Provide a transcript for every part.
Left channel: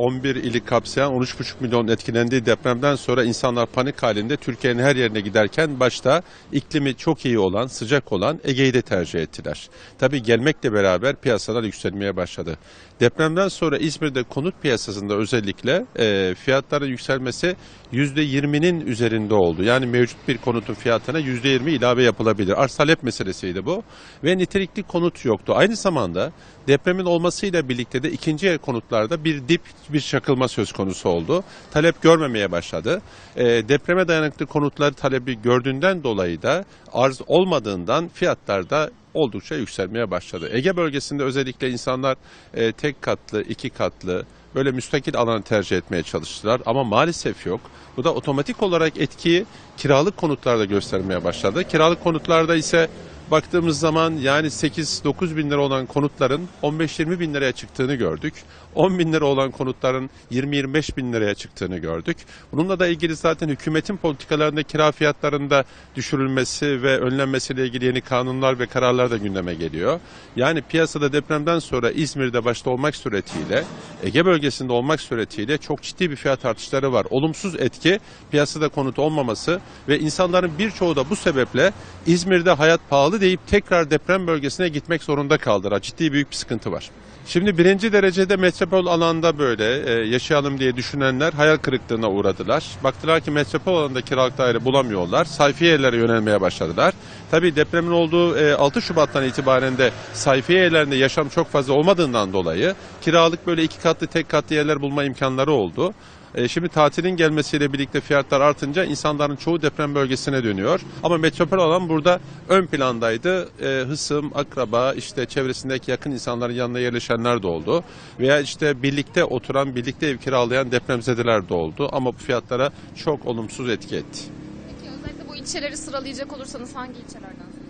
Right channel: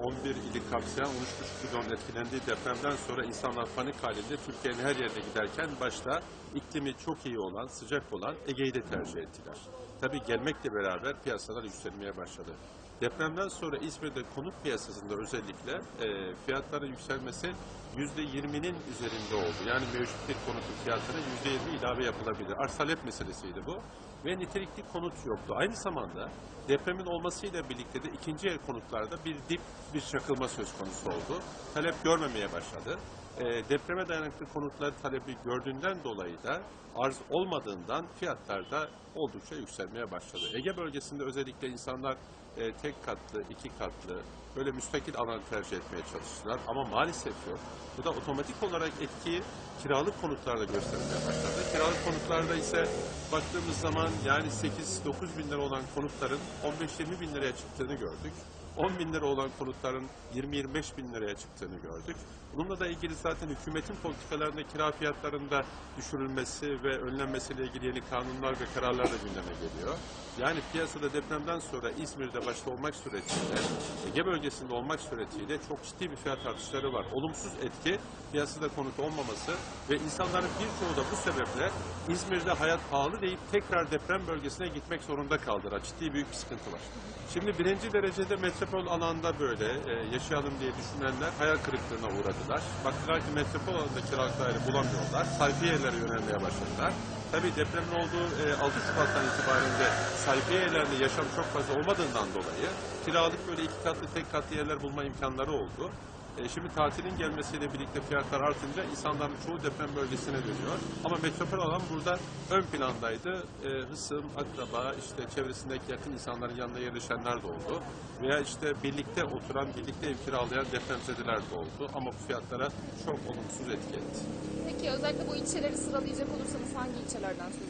11 ili kapsayan 13,5 milyon etkilendiği depremden sonra insanlar panik halinde Türkiye'nin her yerine giderken başta iklimi çok iyi olan, sıcak olan Ege'yi de tercih ettiler. Tabii gelmekle beraber piyasalar yükselmeye başladı. Depremden sonra İzmir'de konut piyasasında özellikle e, fiyatların yükselmesi %20'nin üzerinde oldu. Yani mevcut bir konutun fiyatına %20 ilave yapılabilir. Arz talep meselesiydi bu. Ve nitelikli konut yoktu. Aynı zamanda depremin olmasıyla birlikte de ikinci el konutlarda bir dip, bir çakılma söz konusu oldu. Talep görmemeye başladı. E, depreme dayanıklı konutlar talebi gördüğünden dolayı da arz olmadığından fiyatlar da oldukça yükselmeye başladı. Ege bölgesinde özellikle insanlar e, tek katlı, iki katlı böyle müstakil alanı tercih etmeye çalıştılar ama maalesef yok. Bu da otomatik olarak etkiyi kiralık konutlarda göstermeye başladı. Kiralık konutlarda ise baktığımız zaman yani 8-9 bin lira olan konutların 15-20 bin liraya çıktığını gördük. 10 bin lira olan konutların 20-25 bin liraya çıktığını gördük. Bununla da ilgili zaten hükümetin politikalarında kira fiyatlarında düşürülmesi ve önlenmesiyle ilgili yeni kanunlar ve kararlar da gündeme geliyor. Yani piyasada depremden sonra İzmir'de başta olmak suretiyle, Ege bölgesinde olmak suretiyle çok ciddi bir fiyat artışları var. Olumsuz etki piyasada konut olmaması ve insanların birçoğu da bu sebeple İzmir'de hayat pahalı deyip tekrar deprem bölgesine gitmek zorunda kaldılar. Ciddi büyük bir sıkıntı var. Şimdi birinci derecede metropol alanda böyle e, yaşayalım diye düşünenler hayal kırıklığına uğradılar. Baktılar ki metropol alanında kiralık daire bulamıyorlar. Sayfiye yerlere yönelmeye başladılar. Tabii depremin olduğu e, 6 Şubat'tan itibaren de sayfiye yerlerinde yaşam çok fazla olmadığından dolayı kiralık böyle iki katlı tek katlı yerler bulma imkanları oldu. E, Şimdi tatilin gelmesiyle birlikte fiyatlar artınca insanların çoğu deprem bölgesine dönüyor. Ama metropol alan burada ön plandaydı. E, hısım, akraba, işte çevresindeki yakın insanların yanına yerleşenler de oldu. Veya işte birlikte oturan, birlikte ev kiralayan depremzedeler de oldu. Ama bu fiyatlara çok olumsuz etki etti. Peki özellikle bu ilçeleri sıralayacak olursanız hangi ilçelerden söz?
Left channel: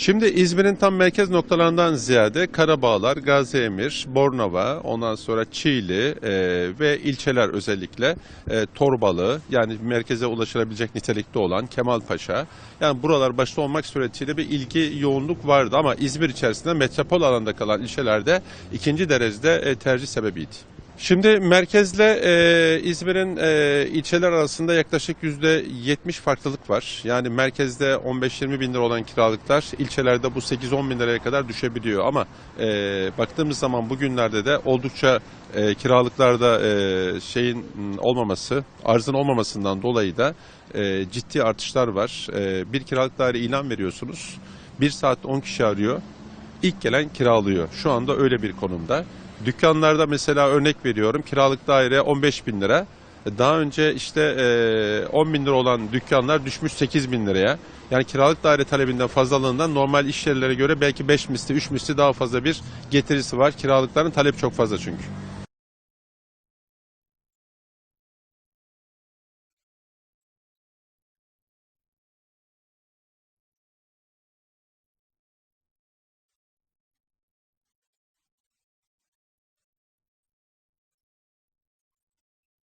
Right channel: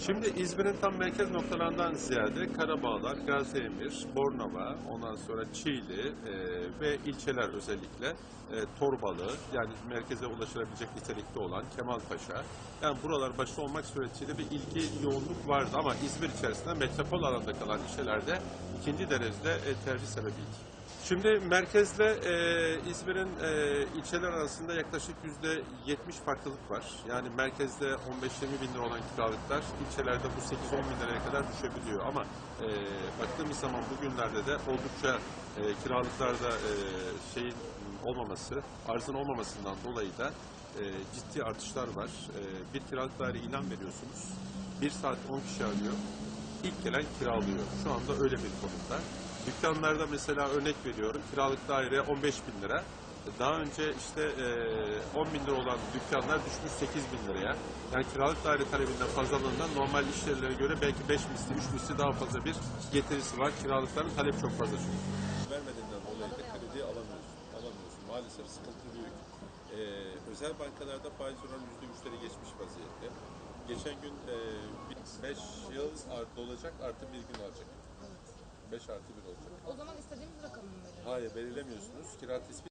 Şimdi İzmir'in tam merkez noktalarından ziyade Karabağlar, Gaziemir, Bornova, ondan sonra Çiğli e, ve ilçeler özellikle e, Torbalı yani merkeze ulaşılabilecek nitelikte olan Kemalpaşa. Yani buralar başta olmak suretiyle bir ilgi yoğunluk vardı ama İzmir içerisinde metropol alanda kalan ilçelerde ikinci derecede e, tercih sebebiydi. Şimdi merkezle e, İzmir'in e, ilçeler arasında yaklaşık yüzde 70 farklılık var. Yani merkezde 15-20 bin lira olan kiralıklar ilçelerde bu 8-10 bin liraya kadar düşebiliyor. Ama e, baktığımız zaman bugünlerde de oldukça e, kiralıklarda e, şeyin olmaması, arzın olmamasından dolayı da e, ciddi artışlar var. E, bir kiralık daire ilan veriyorsunuz. Bir saat 10 kişi arıyor. İlk gelen kiralıyor. Şu anda öyle bir konumda. Dükkanlarda mesela örnek veriyorum kiralık daire 15 bin lira. Daha önce işte e, 10 bin lira olan dükkanlar düşmüş 8 bin liraya. Yani kiralık daire talebinden fazlalığından normal iş yerlere göre belki 5 misli 3 misli daha fazla bir getirisi var. Kiralıkların talep çok fazla çünkü. Vermediğinden dolayı da kredi alamıyorsun. Alamıyorsun. Maalesef sıkıntı büyük. Ee, özel bankalarda faiz oranı %3'leri geçmiş vaziyette. Geçen gün 5 yıl artı olacak artı bir gün alacak. 5 artı 1 olacak. O zaman istediğimiz rakamı mı verelim? Hayır belirlemiyorsunuz. Kira tespit